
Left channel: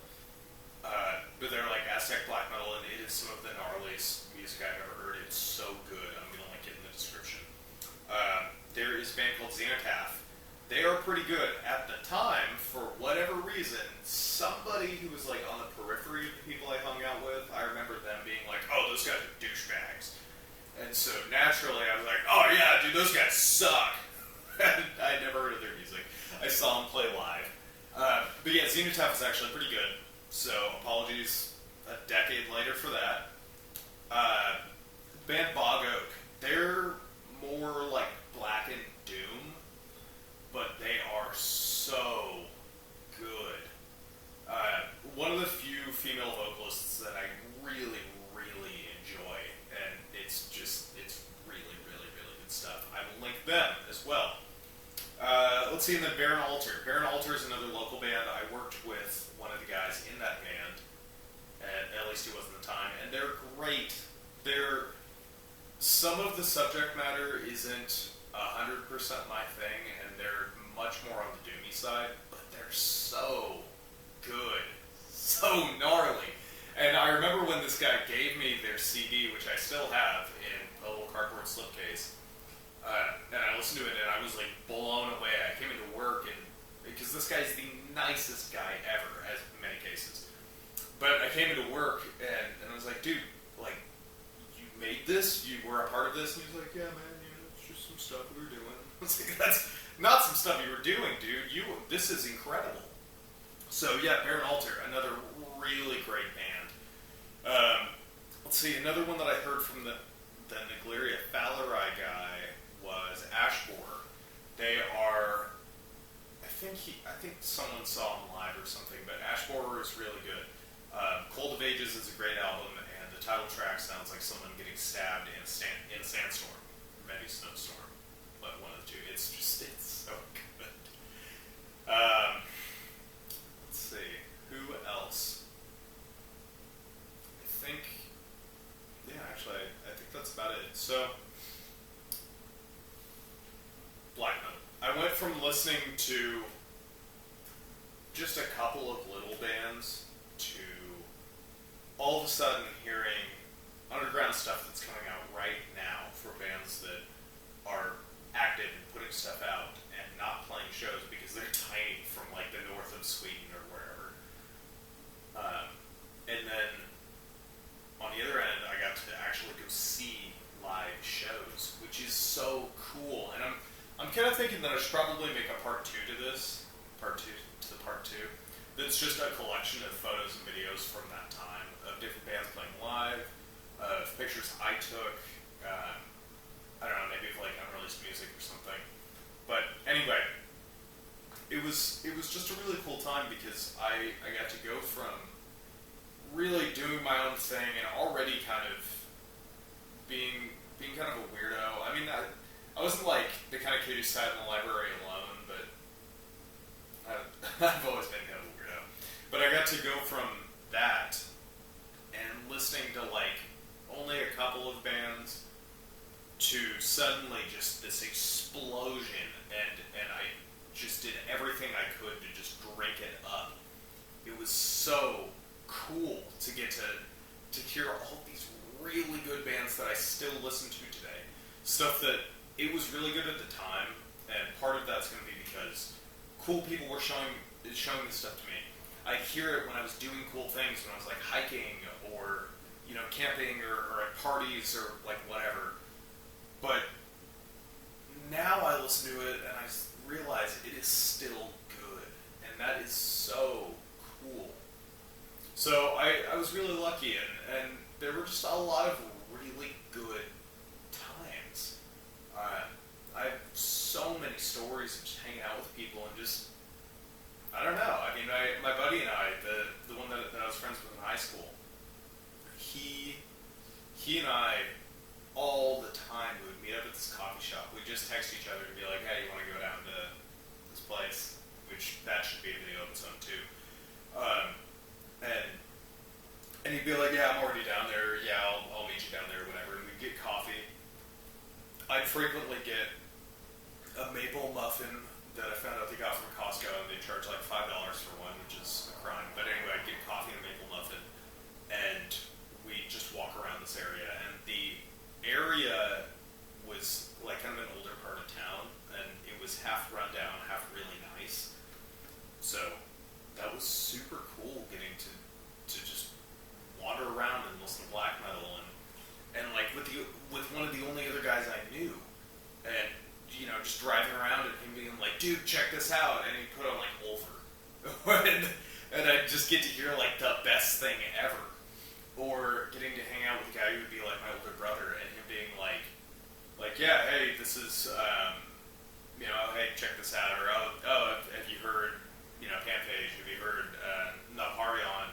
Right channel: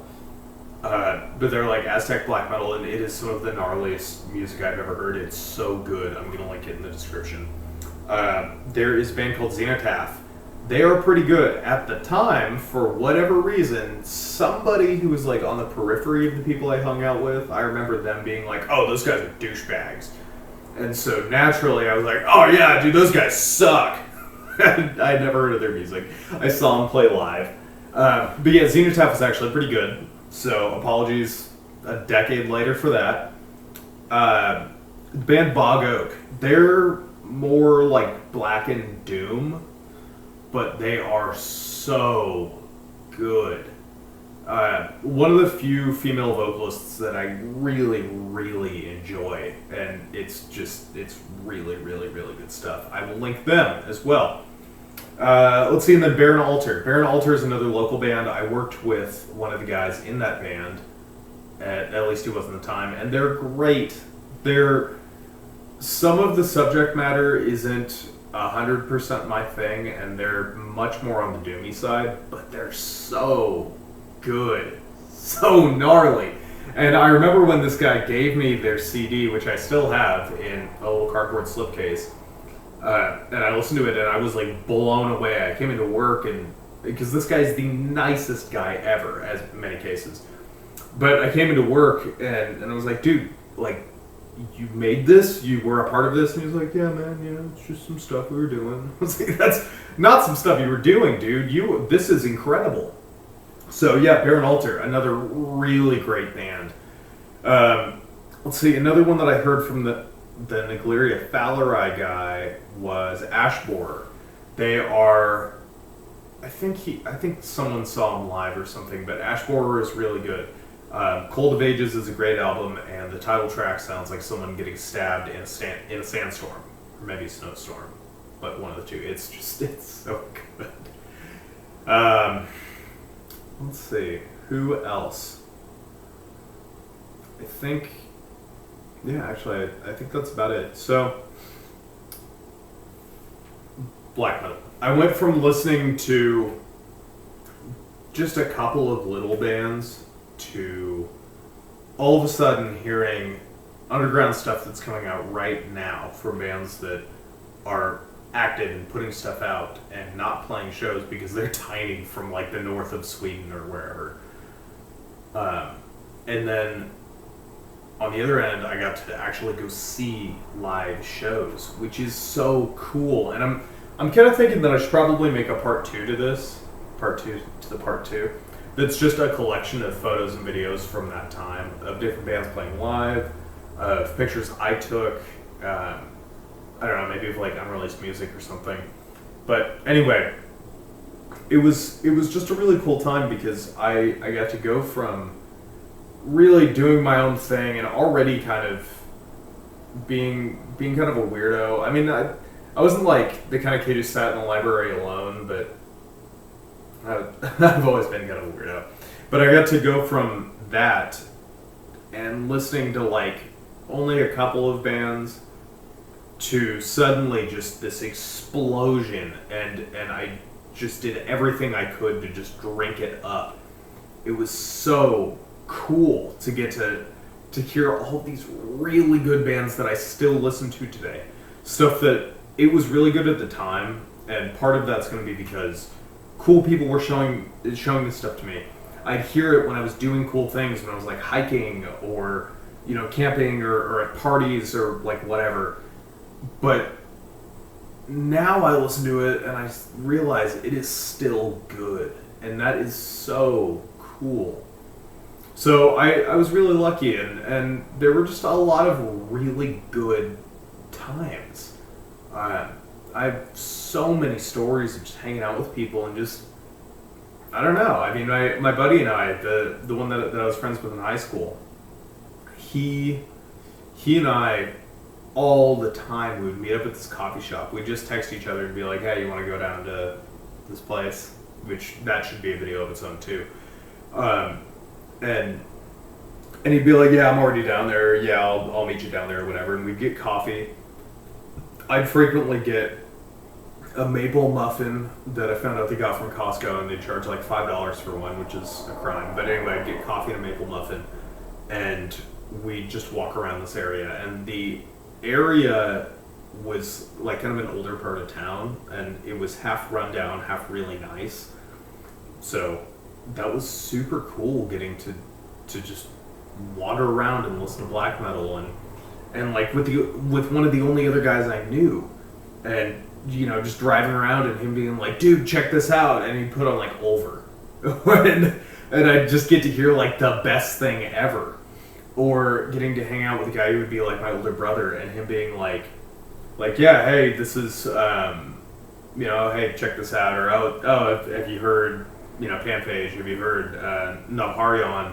But they're like Aztec black metal, and it is some of the gnarliest music I've ever heard. It's so good. I'm going to link it in the description. There is a band called Xasthur. They are pretty good. At the time, for whatever reason, somebody who was like on the periphery of the people I hung out with, I remember them being like, oh, those guys are douchebags. And so naturally I was like, oh yeah, dude, those guys suck. I had never heard of their music. I saw them play live. But yeah, Xasthur was actually pretty good. So apologies a decade later for that. Band Bog Oak, they're more like Black and Doom, but they are so good. One of the few female vocalists that I really, really enjoy, and it's really, really, really good stuff. I will link them as well. Let's see, and then Baron Altar. Baron Altar is another local band. I worked with one of the guys in that band, at least he was at the time, and they're great. Some of the subject matter isn't 100% my thing, and they're much more on the doomy side, but they're so good, so gnarly. And I remember when this guy gave me their CD, which I still have in a little cardboard slipcase, and I listened to it, and I was like blown away. I came into work, and because this guy's the nicest guy ever, as in many cases. But I came into work, and I was like, dude, like, you made this? You were a part of this? And he was like, yeah, man, yeah, it's just some stuff we were doing. I was like, that's not some stuff you were doing, dude. This is incredible. So yeah, Baron Altar, another really great band. Let's see, another one that I heard from the Nagleria Falarai guy was Ashbor. They are, I think someone saw them live or something, but Ashbor is really good. Cold of Ages is a great album, and the title track sounds like someone getting stabbed in a sandstorm, or maybe a snowstorm, but one of the two. It's so good. Let's see, who else? I think that's about it. So, black metal. I went from listening to just a couple of little bands to all of a sudden hearing underground stuff that's coming out right now from bands that are active and putting stuff out and not playing shows because they're tiny from like the north of Sweden or wherever. And then on the other end, I got to actually go see live shows, which is so cool. And I'm kind of thinking that I should probably make a part two to this, part two. That's just a collection of photos and videos from that time of different bands playing live, of pictures I took. I don't know, maybe of like unreleased music or something. But anyway, it was just a really cool time because I got to go from really doing my own thing and already kind of being kind of a weirdo. I mean, I wasn't like the kind of kid who sat in the library alone, but I've always been kind of a weirdo. But I got to go from that and listening to like only a couple of bands to suddenly just this explosion, and I just did everything I could to just drink it up. It was so cool to get to hear all these really good bands that I still listen to today. Stuff that it was really good at the time, and part of that's going to be because cool people were showing this stuff to me. I'd hear it when I was doing cool things, when I was like hiking or, you know, camping or at parties or like whatever. But now I listen to it and I realize it is still good, and that is so cool. So I was really lucky, and there were just a lot of really good times. I have so many stories of just hanging out with people and just, I don't know. I mean, my buddy and I, the one that I was friends with in high school, he and I, all the time, we would meet up at this coffee shop. We'd just text each other and be like, hey, you want to go down to this place? Which, that should be a video of its own too. And he'd be like, yeah, I'm already down there. Yeah, I'll meet you down there or whatever. And we'd get coffee. I'd frequently get a maple muffin that I found out they got from Costco, and they charge like $5 for one, which is a crime. But anyway, I'd get coffee and a maple muffin, and we'd just walk around this area. And the area was like kind of an older part of town, and it was half rundown, half really nice. So that was super cool, getting to just wander around and listen to black metal, and like with one of the only other guys I knew, and you know, just driving around and him being like, dude, check this out, and he'd put on like Over and I'd just get to hear like the best thing ever. Or getting to hang out with a guy who would be like my older brother, and him being like yeah, hey, this is you know, hey, check this out, or oh have you heard, you know, Panphage, have you heard Nawaharjan,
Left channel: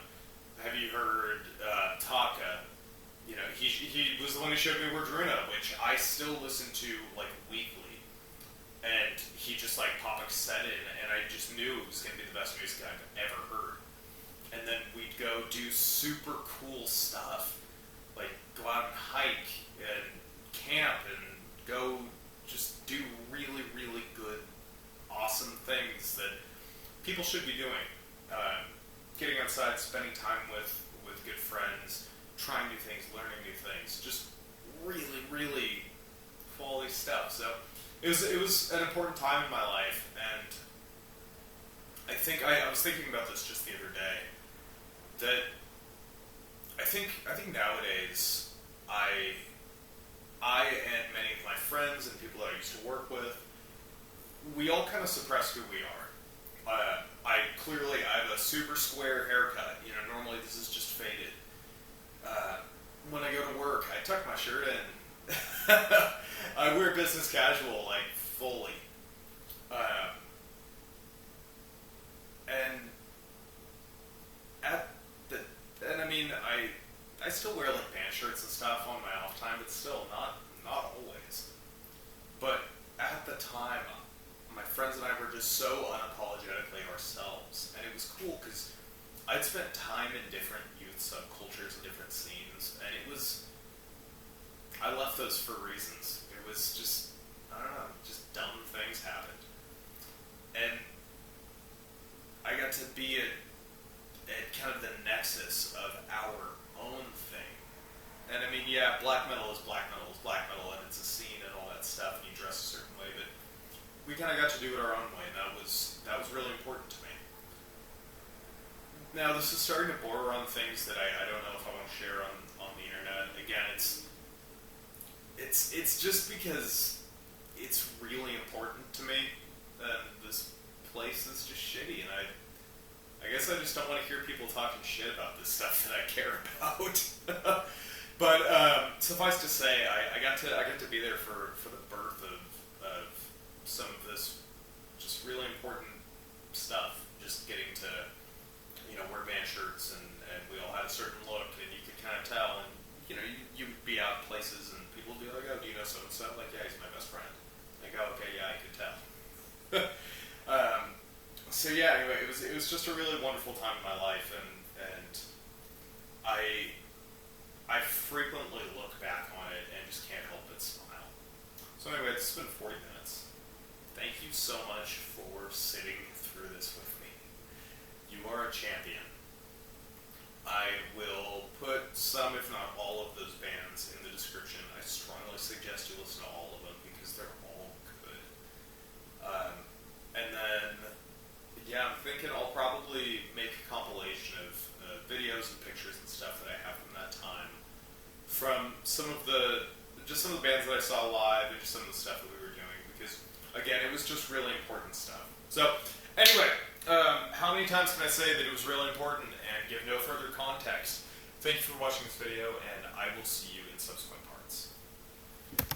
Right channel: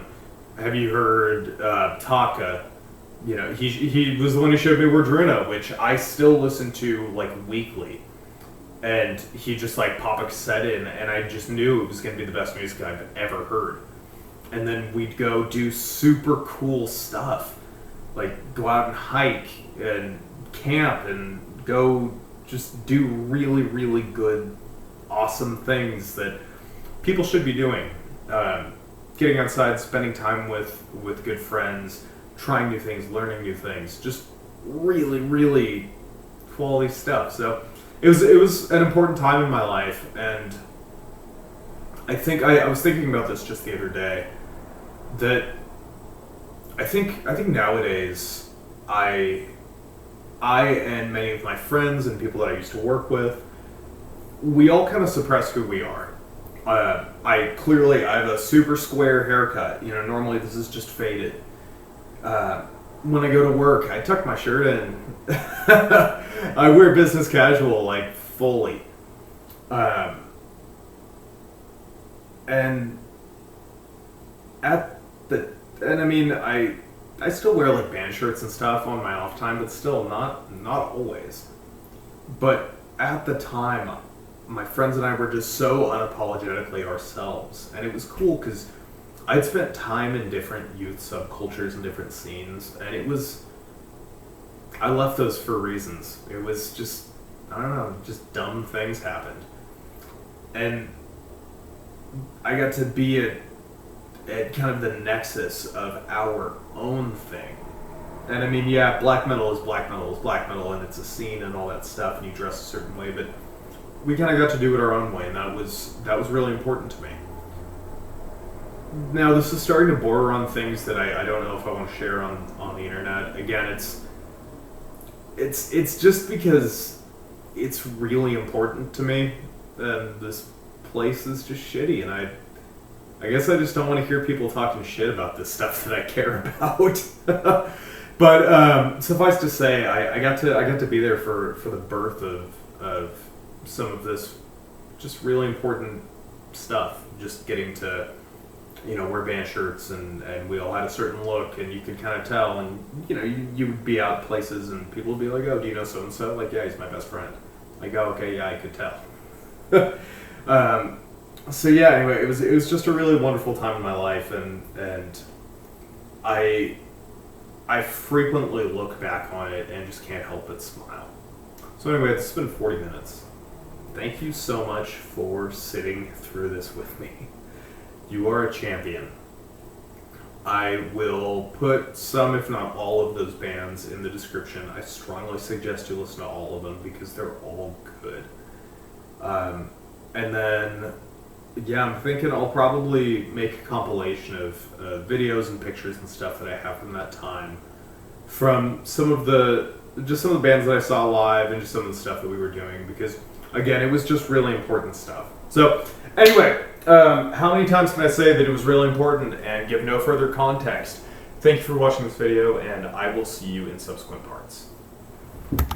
have you heard Taake? You know, he was the one who showed me Whorror, which I still listen to like weekly, and he just like pop a cassette in, and I just knew it was going to be the best music I've ever heard. And then we'd go do super cool stuff, like go out and hike and camp and go just do really, really good, awesome things that people should be doing. Getting outside, spending time with good friends, trying new things, learning new things, just really, really quality stuff. So it was an important time in my life, and I think I was thinking about this just the other day, that I think nowadays I and many of my friends and people that I used to work with, we all kind of suppress who we are. I have a super square haircut. You know, normally this is just faded. When I go to work, I tuck my shirt in. I wear business casual, like, fully. And I mean, I still wear, like, band shirts and stuff on my off time, but still not always. But at the time, my friends and I were just so unapologetically ourselves. And it was cool because I'd spent time in different youth subcultures and different scenes, and I left those for reasons. It was just, I don't know, just dumb things happened. And I got to be at kind of the nexus of our own thing. And I mean, yeah, black metal is black metal, and it's a scene and all that stuff, and you dress a certain way, but we kind of got to do it our own way, and that was really important to me. Now, this is starting to border on things that I don't know if I want to share on the internet. Again, it's just because it's really important to me, and this place is just shitty, and I guess I just don't want to hear people talking shit about this stuff that I care about. But suffice to say, I got to be there for the birth of some of this just really important stuff. Just getting to, you know, wear band shirts, and we all had a certain look, and you could kind of tell, and, you know, you would be out places, and people would be like, oh, do you know so-and-so? Like, yeah, he's my best friend. Like, oh, okay, yeah, I could tell. So yeah, anyway, it was just a really wonderful time in my life, and I frequently look back on it and just can't help but smile. So anyway, it's been 40 minutes. Thank you so much for sitting through this with me. You are a champion. I will put some, if not all, of those bands in the description. I strongly suggest you listen to all of them because they're all good. And then, yeah, I'm thinking I'll probably make a compilation of videos and pictures and stuff that I have from that time, from some of the bands that I saw live and just some of the stuff that we were doing, because again, it was just really important stuff. So anyway, how many times can I say that it was really important and give no further context? Thank you for watching this video, and I will see you in subsequent parts.